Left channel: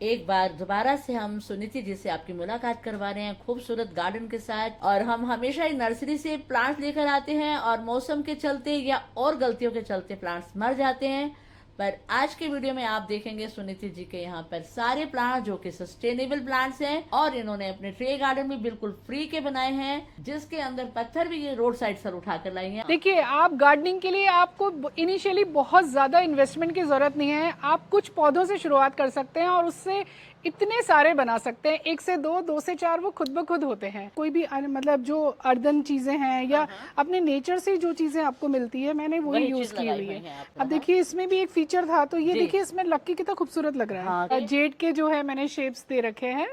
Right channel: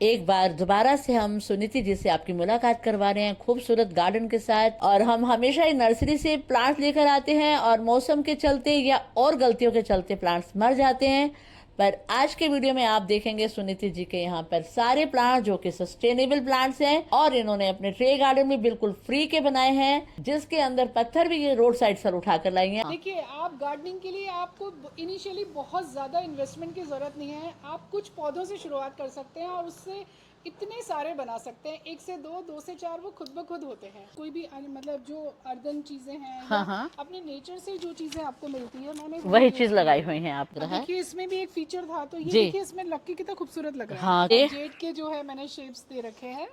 एक बार दोबारा से हम सुनीति जी से आपकी मुलाकात करवा रहे हैं खूबसूरत गार्डन के साथ। और हम हमेशा ही नर्सरी से प्लांट्स लेकर आते हैं और मौसम के चलते या और गलतियों के चलते प्लांट्स मर जाते हैं। पर आज के वीडियो में आप देखेंगे सुनीति जी के यहाँ पर सारे प्लांट जो कि सस्टेनेबल प्लांट्स हैं और इन्होंने अपने ट्रे गार्डन में बिल्कुल फ्री के बनाए हैं, जिसके अंदर पत्थर भी ये रोड साइड से उठाकर लाई हैं। देखिए, आप गार्डनिंग के लिए आपको इनिशियली बहुत ज्यादा इन्वेस्टमेंट की जरूरत नहीं है। आप कुछ पौधों से शुरुआत कर सकते हैं और उससे इतने सारे बना सकते हैं। 1 से 2, 2 से 4 वो खुद ब खुद होते हैं। कोई भी मतलब जो अर्दन चीजें हैं या अपने नेचर से जो चीजें आपको मिलती है, मैंने वही चीज लगाई हुई है आपने। अब देखिए, इसमें भी एक फीचर था, तो ये देखिए इसमें लक्की कितना खूबसूरत लग रहा है। जेड के जो है मैंने शेप्स दे रखे हैं,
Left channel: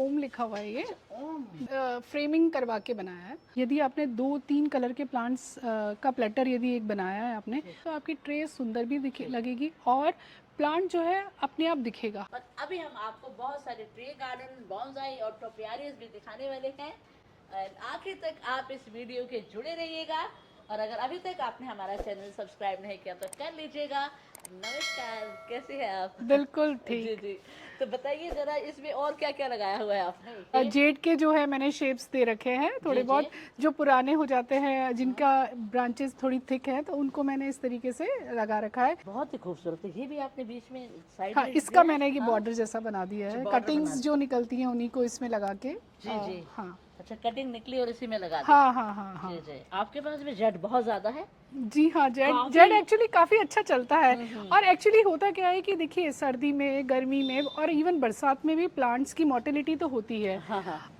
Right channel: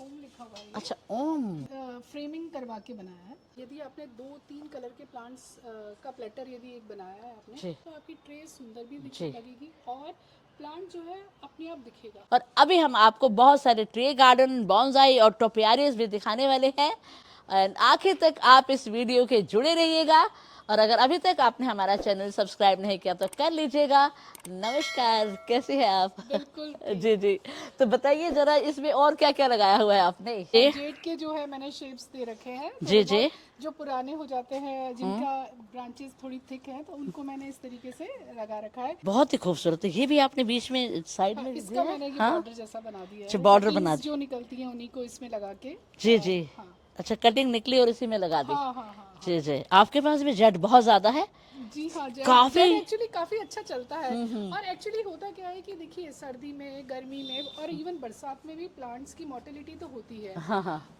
ओम लिखा हुआ है ये। अच्छा, ओम फ्रेमिंग करवा के बनाया है। यदि आपने 2-3 कलर के प्लांट्स का प्लेटर यदि एक बनाया है आपने, तो आपकी ट्रे सुंदर भी लगेगी और प्लांट जो है अपने आप दिखेगा। और अभी हम आपको बहुत सारे ट्रे गार्डन, बॉन्साई और टोपियारियस भी दिखाने वाले हैं। और आखिर तक आप इस वीडियो के जुड़े रहिएगा। और अगर अभी तक आपने हमारा चैनल सब्सक्राइब नहीं किया तो कर लीजिएगा। नमस्कार, कैसे हैं आप? बिल्कुल जी जी, तो बताइए जरा इसमें और क्या क्या लगाया हुआ है आपने? जेड के जो है मैंने शेप्स दे रखे हैं। जी, जो पुराने हो जाते हैं, जिनका ब्रांचेस थोड़ी थिक है, तो उनको मैंने इस तरीके से लगा रखा है। बहुत ही खूबसूरत है। ये भी आपने बीच में साइड में इसका मैंने ये बॉर्डर जैसा बना दिया है। बॉर्डर बना जो निकलती है उन्हीं को इसमें लगा के। जी। हाँ, अच्छा, कटिंग निकली और इसी में लगा दी। हाँ। जी, आपके पास भी जेड बहुत ज्यादा है। जी हाँ, जेड एक्चुअली काफी अच्छा चलता है। और एक्चुअली होता क्या है कि देखिए, सर्दी में, गर्मी में और इवन बरसात में भी प्लांट्स की मोर्टेलिटी तो होती है।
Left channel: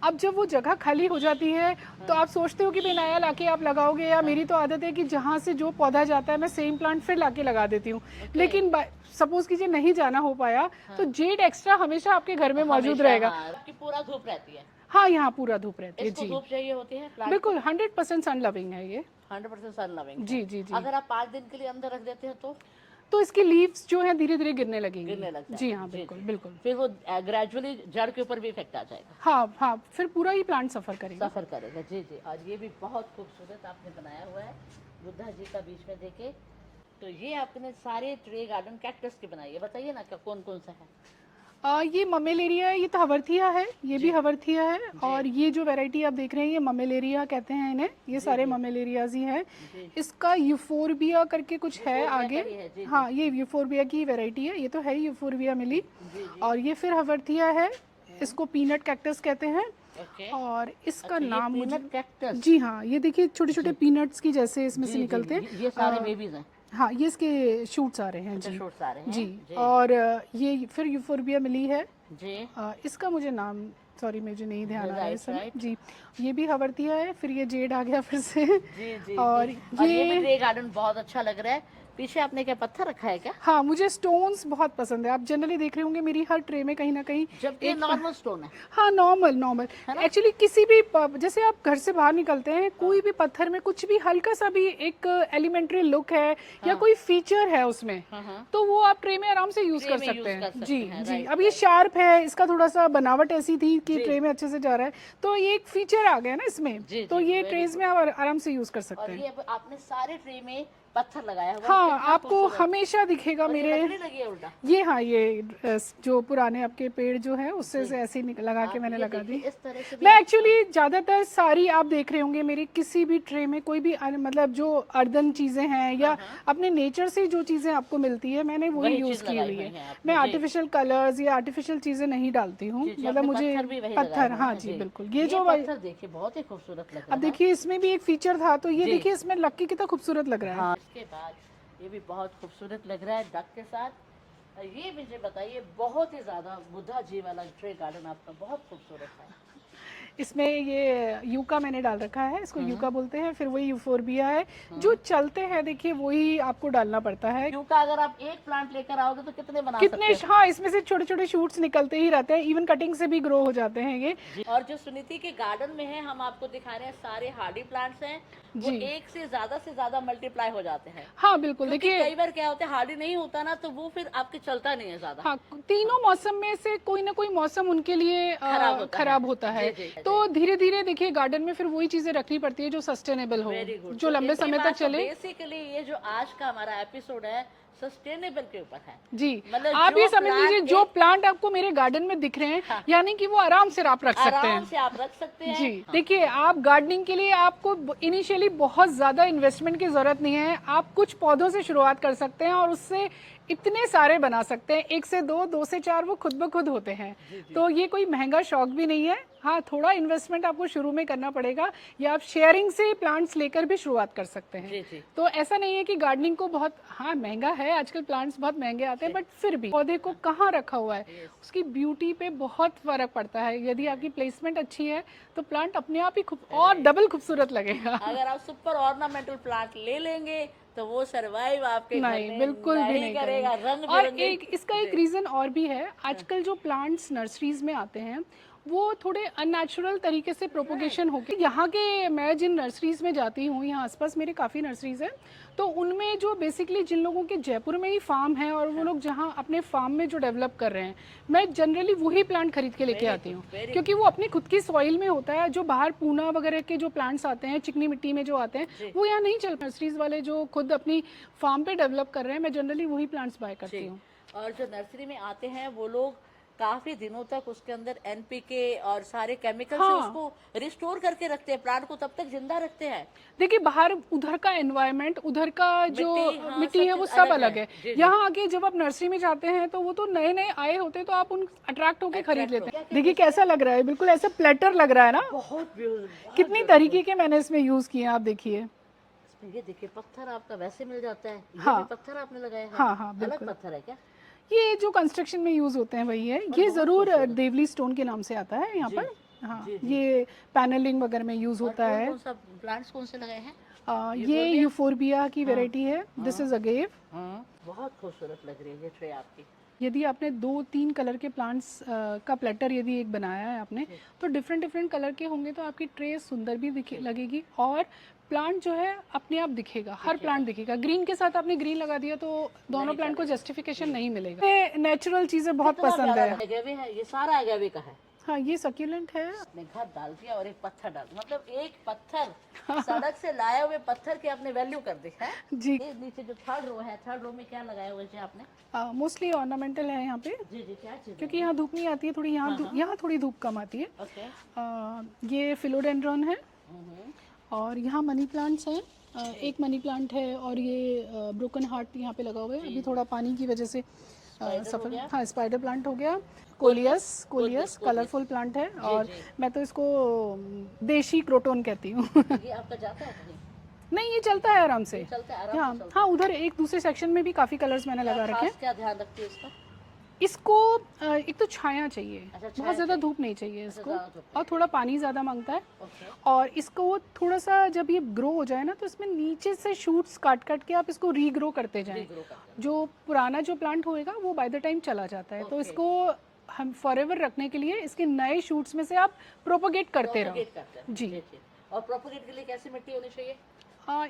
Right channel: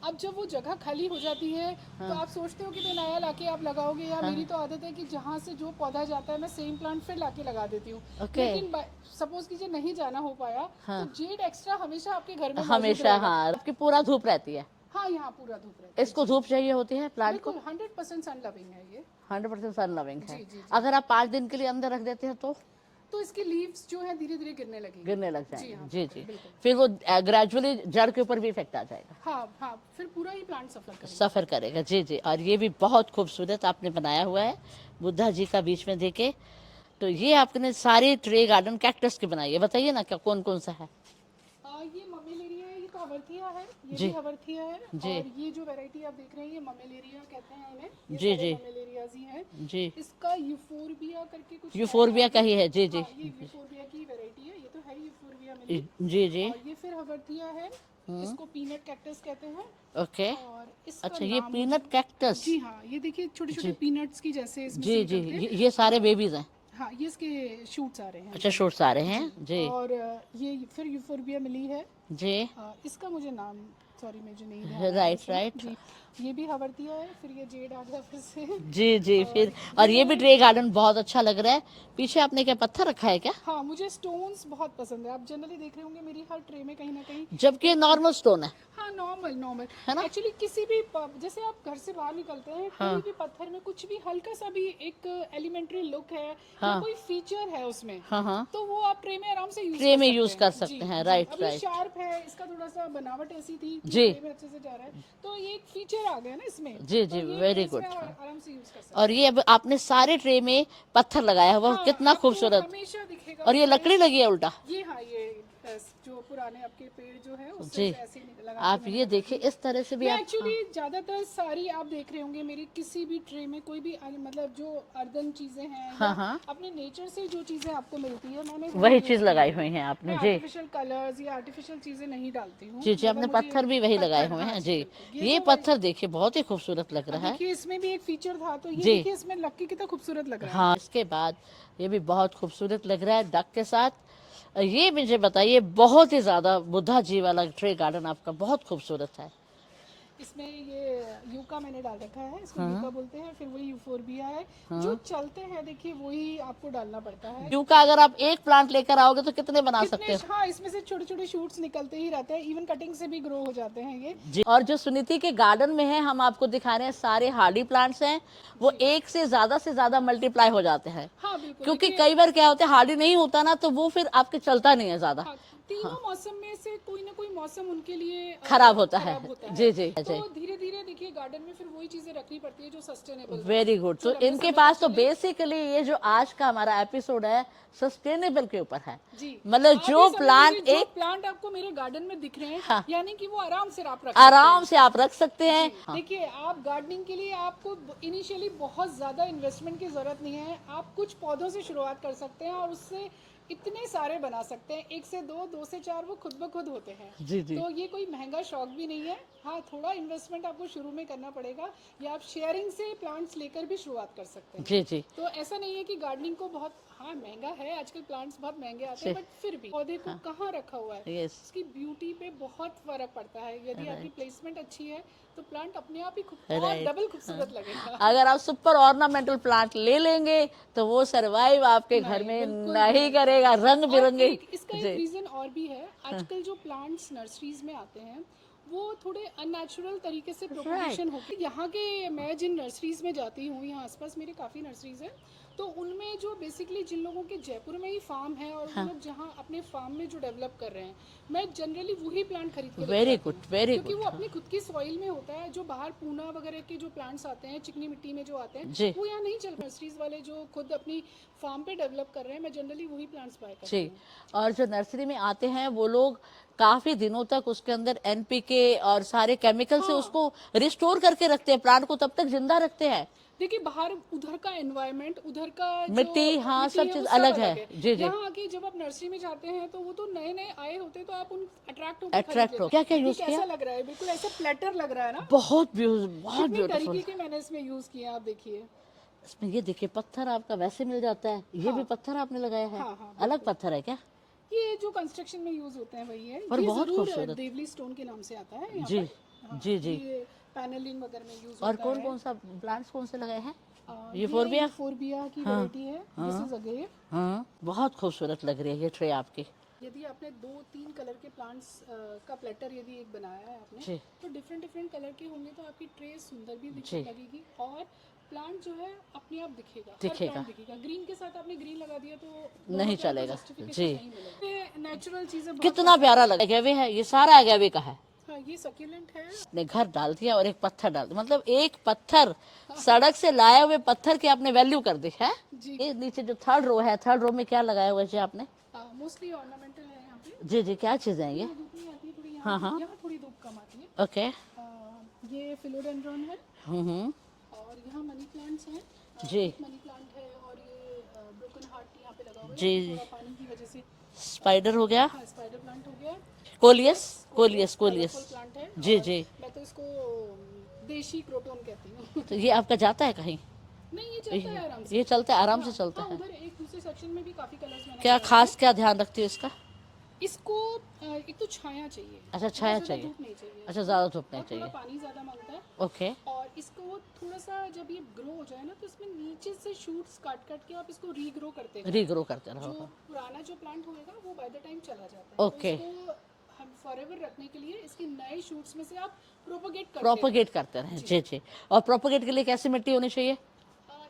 अब जब वो जगह खाली हो जाती है, तो आप सोचते हो कि भाई नया लाके आप लगाओगे, या मेरी तो आदत है कि जहाँ से जो पौधा जाता है मैं सेम प्लांट फिर लाके लगा देती हूँ। लेकिन सपोज कीजिए नहीं जाना हो पाया, तो जेड एक्स्ट्रा हमेशा आपके घर में मौजूद रहेगा। आपकी पूरा धूप रहती है। हाँ, यहाँ पूरा धूप रहती है। इसको धूप चाहिए होती है प्लांट? बिल्कुल, 100% सन लविंग है ये। 100% सन लविंग। जी। अगर आप 5 दिन के लिए अंदर रख देते हैं तो इसकी लीव्स जो है धीरे धीरे गिरने लगेंगी। गिरने लग जाएगी। जी हाँ, बिल्कुल। फिर वो ग्रेजुअली जड़ के ऊपर भी इफेक्ट आ जाएगा। हाँ, फिर पूरा ही प्लांट सफर करेगा। जी। और ये भी बहुत खूबसूरत आपने बनाया हुआ है, बुद्धा जी का बीच में देके। तो ये आपने सारे ट्रे गार्डन कैक्टस के बनाई है। बताइए ना क्या कौन कौन सा है? ये ममेलेरिया है, ये तो हवर्थिया है, ये भी हवर्थिया है। और ये जो वैरायटी आप देख रहे हैं, ये ममेलेरिया कहते हैं इन्हें। ये सारे ममेलेरियाज ही है। इसका यूफोरबिया करके कुछ यूफोरबिया का ही है। जी। हाँ, ये यूफोरबिया की वैरायटी है। ये तो है यूफोरबिया मिली। जी। और ये फिर हवर्थिया है। इसको पीनट कैक्टस कहते हैं। ओके। और इसका नाम पीनट कैक्टस। जी हाँ, ये देखिए छोटे छोटे पीनट्स की जैसे इसमें से निकलते हैं। ये सारे बेबीज हैं। हाँ, ये इसके शूट्स आ रहे हैं। अच्छा, शूट्स आ रहे हैं जी। और ये फिर यूफोरबिया मिली है जी। इसका मुझे नाम सॉरी मुझे नहीं ध्यान। राइट जी, ये भी हवर्तिया है। फिर ये जेड आ गया फिर से। जी। और ये भी ट्रे गार्डन बहुत अच्छा लग रहा है। पीछे आपने क्या पत्थर रखा है क्या? हाँ, मुझे स्टोन्स बहुत पसंद है। आप जनरली देख रहे होंगे मेरी हर ट्रे में कहीं ना कहीं, जबकि नॉर्मल स्टोन है। हाँ, नॉर्मल एक्चुअली किसी भी जैसे आप घर से बाहर निकलते हैं, कोई भी पत्थर में कुछ भी हल्का सा भी एक एलिमेंट्री लुक है या कोई फीचर है उसमें, तो वो आप ट्रे में आराम से यूज कर सकते हैं। राइट। अब ये शार्प है, इसका थोड़ा सा बनावट ऐसी थी कि ट्रे में अच्छे से जा रहा है, तो ये एक फीचर आ गया ना इसमें। तो ये ट्रेस में आप आराम से यूज कर सकते हैं। और ये अब आपने सारे ट्रे में पत्थर लगाया हुआ, कितना खूबसूरत हमेशा दिखेगा। और ये लकड़ी लगी है उल्टा। ये हाँ, ये जो पुराने आपके पेड़ जो है उससे ऐसे लगा के मैंने लगा दी। इस तरह से भी मैं एक्चुअली ज्यादातर सारी आप देख रहे होंगे मेरी किसी भी ट्रे में कोई भी मतलब जो अर्दन चीजें हैं या अपने नेचर से जो चीजें आपको मिलती है, मैंने वही चीज लगाई हुई है आपने। मैं आर्टिफिशियल कलर्स या आर्टिफिशियल चीजें नहीं डालती हूँ। पत्थर भी वही लगाए हुए हैं। जी, ये पत्थर देखिए बहुत ही खूबसूरत लग रहा है। देखिए, इसमें भी एक फीचर था, तो ये देखिए इसमें लक्की कितना खूबसूरत लग रहा है। इसके बाद ये भी बहुत खूबसूरत लग रहा है डक के साथ। ये मुझे बताइए, बहुत ही ज्यादा बुद्धा जी वाला ट्रे गार्डन आपका बहुत खूबसूरत है। इसमें ये यूका मैंने डाल रखा है, इसको यूका बोलते हैं। फिर वही यूफोरबिया है जो चलते हैं, देखिए वही आपको डालना पड़ता है। यूका अगर आप एक प्लांट लेकर आओगे तो कितने बना सकते हैं? हाँ, इसमें से छोटे छोटे शूट्स निकलते ही रहते हैं, इवन कटिंग से भी ग्रो हो जाते हैं ये। और जो सुनीति के गार्डन में है, हम आपको दिखा रहे हैं सारे हार्डी प्लांट्स हैं, वो एक से ज्यादा मल्टीप्लाई हो जाते हैं। हाँ बिल्कुल, क्योंकि कई बार क्या होता है, हार्डी नहीं होता ना, तो वो फिर आपके चलता नहीं है ज्यादा। तीनों मौसम में से कोई ना कोई मौसम उनके लिए खराब होता है। जी। तो धीरे धीरे देखिए गार्डन में फिर वही चीजें रखनी पड़ती है जो सस्टेनेबल हो, वेरी गुड। जो लंबे इनके समय पास तक तो चले। बेसिकली ये जो आज का हमारा एपिसोड है सस्टेनेबल के ऊपर है। जी, मतलब आप जो ये समझ लीजिए प्लांट जो प्लांट आपको मेरे गार्डन में दिख रहे हैं, हाँ, यानी कि वो आराम से आप रख सकते हैं। आराम से आप रख सकते हैं। जी, देखिए आप गार्डनिंग के लिए आपको इनिशियली बहुत ज्यादा इन्वेस्टमेंट की जरूरत नहीं है। आप कुछ पौधों से शुरुआत कर सकते हैं और उससे इतने सारे बना सकते हैं, 1 से 2, 2 से 4 वो खुद ब खुद होते हैं। जी, जी। तो ये कोई महंगा शौक भी नहीं है। हाँ, थोड़ा इन्वेस्टमेंट आपको शुरू में करना पड़ेगा, या आप शेयरिंग से प्लांट्स लेकर भी शुरुआत कर सकते हैं। जी, जी। तो ऐसा नहीं है कि गार्डनिंग को बहुत, हाँ महंगा है, आजकल प्लांट्स बहुत महंगे आते हैं, बट फिर भी पौधे को कहाँ रखा हुआ है Yes. उसकी ब्यूटी पे बहुत फर्क पड़ता है। यदि आपकी प्लेसमेंट अच्छी है तो प्लांट अपने आप ही और डबल खूबसूरत लगेगा। अगर आप सुपर ऑर्नामेंटल प्लांट ले लेंगे तो वो सरवाइव आपके घर नहीं, में बिल्कुल भी नहीं करेगा। रंग और बिरंगे इसका एक रीजन और भी है। आजकल जो प्लांट्स नर्सरीज में आते हैं वो थोड़े अननेचुरल तरीके से प्रोपोगेशन होके, यहाँ के मैं जिन नर्सरीज में जाती हूँ, यहाँ आसपास मेरे काफ़ी नर्सरीज हैं, तो उनमें जो बेसिकली जिन लोगों के जयपुर में ही फार्म है और वो लोग जहाँ अपने फार्म में जो डेवलप कर रहे हैं, मैं जनरली वही प्लांट खरीद के लेके आती हूँ, क्योंकि वो अपनी खुद की सॉइल में होता है। जो बाहर पूना वगैरह के जो प्लांट्स आते हैं, चिकनी मिट्टी में जो आते हैं, वो यहाँ नहीं चल। नर्सरीज वाले जो खुद अपनी फार्म पे डेवलप कर रहे हैं, मैं जनरली वही प्लांट्स बाय करती हूँ। और जो नर्सरी में आते हैं वो लोग काफी दिनों तक उसके अंदर एनपीके और सारे केमिकल से उसको रिस्टोर करके रखते हैं, प्लांट को तब तक जिंदा रखते हैं। देखिए बाहर उधर का एनवायरनमेंट, उधर का जो मिट्टी है वो सब अलग है। यहाँ आके जब आप नर्सरी में जाते हैं तो वो तो नए नए आए होते हैं, तो आप उन अट्रैक्ट होकर खरीद लेते हैं। देखिए कैसा लग रहा है, बिल्कुल ऐसा प्लेटर लग रहा है ना। बहुत कितनी तरीके के मैंने इसमें यूज किए हैं, आप देखिए। इसमें ये देखिए पत्थर आपका वैसे मिल जाता है। ये भी पत्थर आपने लगाया है? हाँ, अलग पत्थर है क्या? ये जो कंस्ट्रक्शन में यूज होते हैं वही है। ये जरूर देवली स्टोन के नाम से आता है यहाँ पर। हाँ, ये पैनलिंग वगैरह में यूज होता है। कौन सा प्लांट्स कौन से लगाए हैं? ये यूफोरबिया की वैरायटी है। This is agave. बहुत खूबसूरत लग रही है ये ट्रे आपकी। यदि आपने 2-3 कलर के प्लांट्स का प्लेटर यदि एक बनाया है आपने, तो डिफरेंट डिफरेंट कलर के होंगे तो आपकी ट्रे सुंदर भी लगेगी और प्लांट जो है अपने आप दिखेगा। हर प्लांट दिखेगा। ग्रीन के साथ आपने ग्रीन लगा दिया तो दोनों प्लांट को जस्टिफिकेशन नहीं मिलेगा। ये नेचुरल चीजें बहुत कितना प्यारा लगा। अगेवे है, ये सारा अगेवे का है। हाँ, ये सक्यूलेंट है। आपने घर डाल दिया और एक पत्थर डाल दिया, मतलब एक पत्थर सड़क से लाया हुए पत्थर की आपने वैल्यू कर दी है जी। ये नीचे जो थर्ड रो है, थर्ड रो में क्या लगाया हुआ है आपने? मोस्टली ऑर्नामेंटल है यहाँ पे। जी जी, क्या चीजें हैं? यहाँ धूप नहीं आती है थोड़ी, यहाँ थोड़ी धूप कम आती है। ओके। ये फिलोडेंड्रॉन है और यहाँ मनी प्लांट्स हैं। एक मनी प्लांट है और ये ब्रोकन हार्ट यहाँ पे लगा हुआ है। ये थोड़ा पानी की वजह से स्पाइडर हो गया। हाँ, स्पाइडर प्लांट हो गया। कोलियस कलरफुल प्लांट है। जी और जी, मैं तो इसको देशी क्रोटोन कहती हूँ। तो ये आपका जाता है कहीं? नहीं, ये चलता है आराम से। ये चलता है आराम से चलता हाँ, उधर एक दूसरे सेक्शन में भी काफी कलर्स मैंने क्या खास क्या ध्यान रखती है इसका? इसको एक तो छाया चाहिए। अच्छा, छाया ज्यादा धूप नहीं चाहिए। अच्छा, ज्यादा धूप नहीं और थोड़ा पानी ज्यादा मांगता है। ओके। और इसको थोड़ा सा जब ये ग्रो हो जाए ना, तो इसमें नीचे से शूट्स काट काट के आप इसको रीग्रो करते जाएं। रीग्रो करते हैं। जो पुराना जो प्लांट होएगा वो बाय द टाइम चला जाता है। तो इसको हम फॉरएवर रखने के लिए इसके नए शूट्स में से आप प्रोपोगेट करते हैं। जी जी। और प्रोपोगेट के लिए कैसी मिट्टी होनी चाहिए?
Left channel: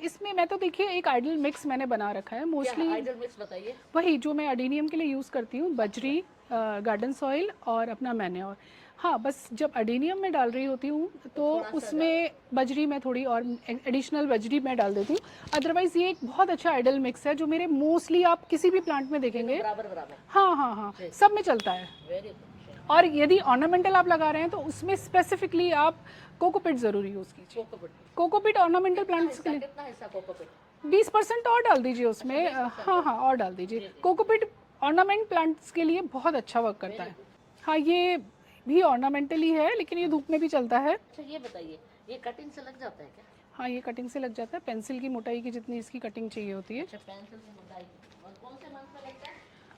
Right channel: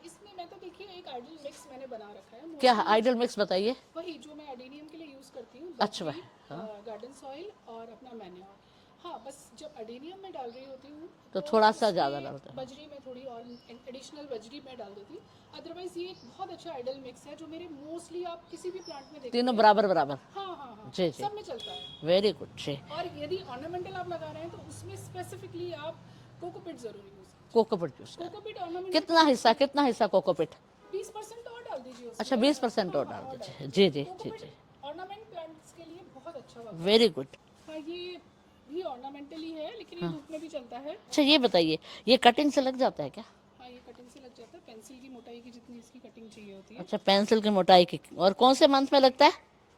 इसमें मैं तो देखिए एक आइडल मिक्स मैंने बना रखा है। क्या आइडल मिक्स बताइए? वही जो मैं अडेनियम के लिए यूज करती हूँ, बजरी, गार्डन सॉइल और अपना मैन्योर। हाँ, बस जब अडेनियम में डाल रही होती हूँ तो थोड़ा सा उसमें बजरी में थोड़ी और एडिशनल बजरी में डाल देती हूँ। अदरवाइज ये एक बहुत अच्छा आइडल मिक्स है जो मेरे मोस्टली आप किसी भी प्लांट में देखेंगे। तीनों बराबर बराबर। हाँ, सब में चलता है। Very good. और यदि ऑर्नामेंटल आप लगा रहे हैं तो उसमें स्पेसिफिकली आप कोकोपिट जरूर यूज कीजिए। कोकोपिट ऑर्नामेंटल कितना हिस्सा कोकोपिट? 20% और डाल दीजिए उसमें। अच्छा, 20% और डाल दीजिए। कोकोपिट ऑर्नामेंट प्लांट्स के लिए बहुत अच्छा वर्क करता है। Very good. हाँ, ये भी ऑर्नामेंटली है लेकिन ये धूप में भी चलता है। अच्छा, ये बताइए, ये कटिंग से लग जाता है क्या? हाँ, ये कटिंग से लग जाता है। पेंसिल की मोटाई की जितनी इसकी कटिंग चाहिए होती है। अच्छा, पेंसिल की मोटाई की। और कौन से मंथ में लगता है?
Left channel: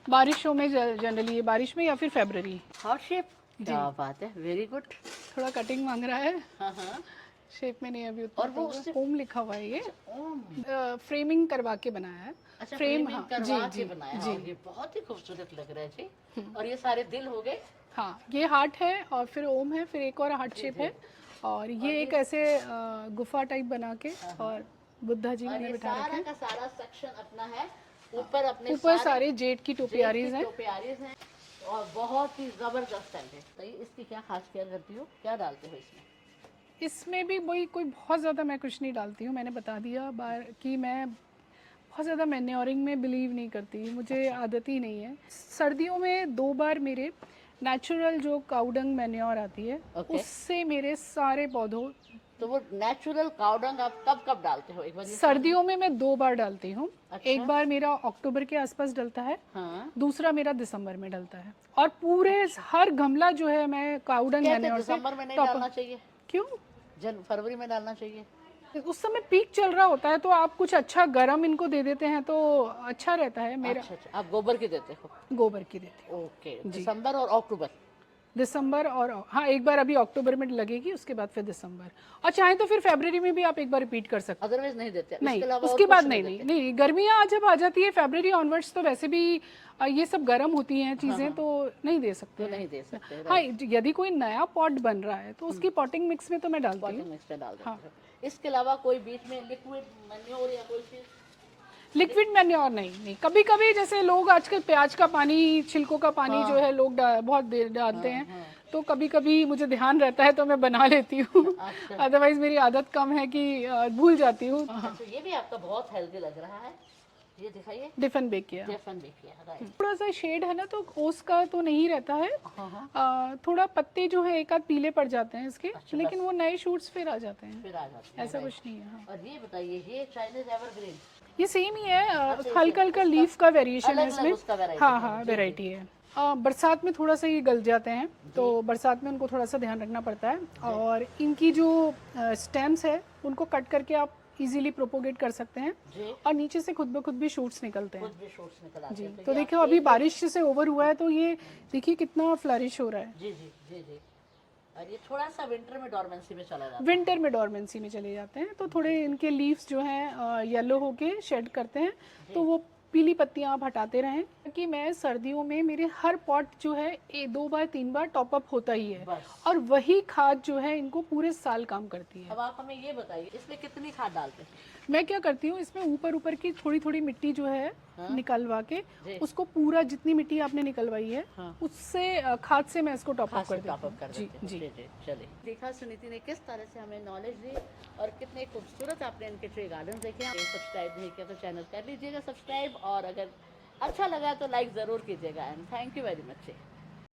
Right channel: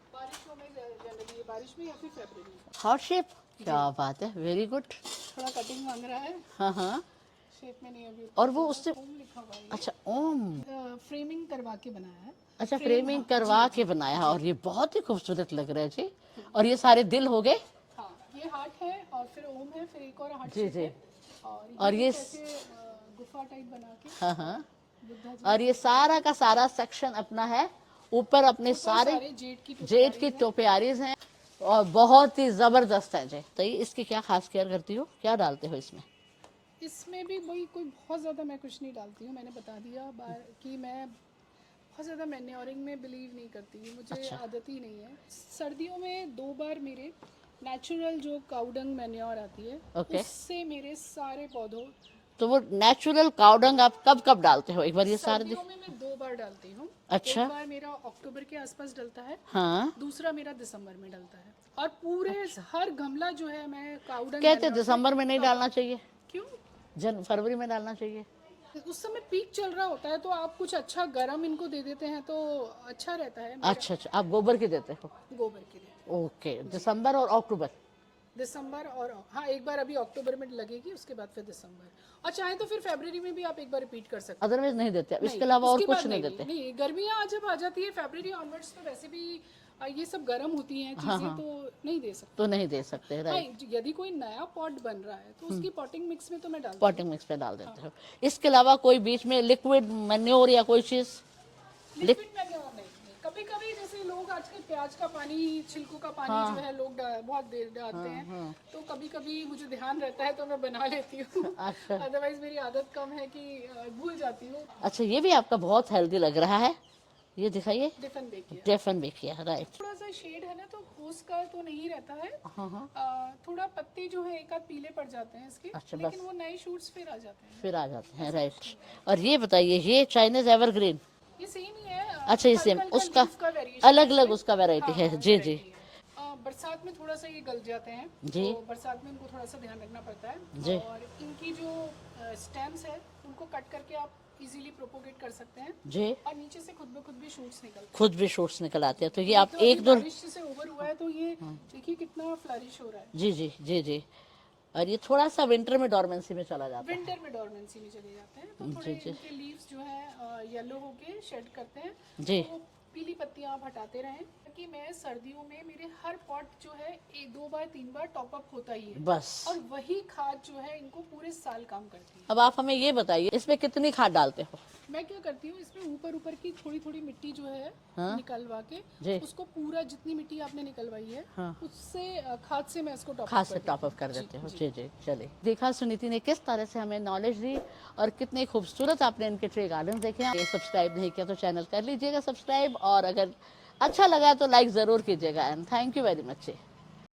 बारिशों में जनरली, ये बारिश में या फिर फरवरी। हार्ट शेप, क्या बात है, वेरी गुड। थोड़ा कटिंग मांग रहा है। हाँ, शेप में नहीं अभी। और वो उससे ओम लिखा हुआ है ये। अच्छा, ओम। फ्रेमिंग करवा के बनाया है। अच्छा, फ्रेमिंग करवा के बनाया और ये बहुत ही खूबसूरत लग रहा है जी। और ये सारे दिल हो गए। हाँ, ये हार्ट है और फिर ओम है, फिर एक और हार्ट शेप है और ये कैसे गुफा टाइप बना के और बुद्धा जी। और ये सारा का सारा सेक्शन अपना है ऊपर, अपने सारे जेड की टोपियारीज हैं। और बहुत ही जबरदस्त है जी। तो ये इसकी क्या खास केयर करती हो, क्या डालते हो इसमें? इसमें भी वही कोई बहुत ज़्यादा मैं कुछ नहीं डालती हूँ, मैंने बता दिया बार कि मैं बहुत ज़्यादा मैन्योरिंग में बिलीव नहीं करती, मुझे आदत ही नहीं है। सर्दियों में 2 बार मेरे नेचुरल जो काउडंग मैन्योर आती है ओके। उससे मेरे सारे पौधों, तो वो नेचुरल काउडंग आप कब कब डालते हो, एक बार ये सारे सर्दियों में मैं 2 बार डालती हूँ। अच्छा। एक बार मेरा अक्टूबर के आसपास डलता है, हाँ। दूसरा मेरा दिसंबर में डलता है। और पूरे हर गमला जो है मैं काउडंग कहते मैन्योर से दिसंबर में नहीं डालना चाहिए, क्यों? फरवरी में डालना चाहिए। उस समय पीक चल रहा होता है तो आप कुछ अच्छा गरम इनको दे देते हैं तो अच्छा रहता है। मेरा अच्छा अच्छा, आप गोबर की देते हो? गोबर की देती ओके, दिसंबर और अक्टूबर। हूँ, दिसंबर और हाँ एक बार अभी अक्टूबर में लगेगी, उसके बाद फिर दिसंबर, और चाहे तो फिर फरवरी में भी आप एक बार रिपीट कर सकते अदरवाइज नहीं देते, हैं। नहीं, इसके अलावा और उसके कुछ बाद नहीं नहीं देते? नहीं नहीं, गर्मियाँ जब आ जाती है फरवरी ऑनवर्ड्स तो वैसे भी ये सब गर्म होती हैं चीज़ें, तो नहीं दे सकते। तो नहीं दे सकते, हाँ, राइट। यदि कोई नया पॉट बन रहा है तो उसकी पॉटिंग मिक्स में तो मैं डालती हूँ। पॉटिंग मिक्स में डाल देते हो। इसके अलावा कोई बीच में लिक्विड मैन्योर या कोई चीज? लिक्विड मैन्योर नहीं नहीं, कभी कभी जैसे लोग आजकल प्याज का पानी, छिलकों का पानी जो है लोग बहुत देर डालते हैं, तो कभी कभी मुझे ध्यान रहता है तो मैं बना लेती हूँ। अच्छा। अदरवाइज मेरी आदत कम है कि भूल जाती हूँ। अच्छा, ये भी आपका बहुत हेल्दी लग रहा है, ये दिखाइए। डिफन बेक किया, डेफन भी किया, राइट। थोड़ा सा शेड है ना तो ओस का तो नहीं रहता है। थोड़ा पत्ते जो है एक आध पीले पड़ जाते हैं इसके, अच्छा, लेकिन वो नए शूट्स फिर आ जाते हैं। फिर आ जाते हैं, ऐसा कुछ राइट। नहीं है। और ये बताइए, ये चाइनीज एवरग्रीन? ये सेम ही है, अच्छा, ये हल्का same, हल्का उसका लीफ का वेरिएशन अलग अलग उसका वैरायटी हाँ है। हाँ जी जी। वैरायटी है। बरसात में थोड़ा सा ये गल जाते हैं, तो बरसात में उनको थोड़ा सा ध्यान रखना पड़ता है। और इनकी जो स्टेम्स है उनको कट करके आप इजीली प्रोपोगेट कर सकते हैं, जी। और नीचे से खुद ब खुद भी शूट्स निकलते हैं। खुद भी शूट्स निकल आते हैं, तो तो ये आप देखो अभी एक दो। बारिश से ओवर हुआ है तो ये देखिए कितना फ्लरिश हो रहा है। जी जी जी जी। और ये थोड़ा सा विंटर में डॉर्मेंसी में चला जाता है। विंटर में डॉर्मेंसी में चले जाते हैं, तो थोड़े इनके लीव्स जो हैं येलो होके शेड करते हैं, तो वो पीली पत्तियां आप हटाते रहें। कि मैं सर्दियों में मेरे हर पॉट जो है 2 बार 3 बार टॉप अप होता ही है, बस। और वही खाद जो है इनको पूरे साल काम करती है। अब आप हमें ये बताइए, इसमें कितनी खाद डालते हो? मैं क्या करती हूँ, इसमें ऊपर ऊपर की थोड़ी थोड़ी मिट्टी जो है निकलवा जी। के उसको पूरा जितनी मिट्टी आपने निकलवाई है उससे खाद से मैं इसको टॉप अप कर देते हो। जी जी। चलिए, देखा सुनीति ने किस तरह से हमें नॉलेज दी, और कितने खूबसूरत आपने इनके ट्रे गार्डन देखे हैं। सब्सक्राइब नहीं किया तो चैनल कर लीजिएगा सब्सक्राइब, और अगर अच्छा लगा तो लाइक ज़रूर कीजिएगा। And thank you very much.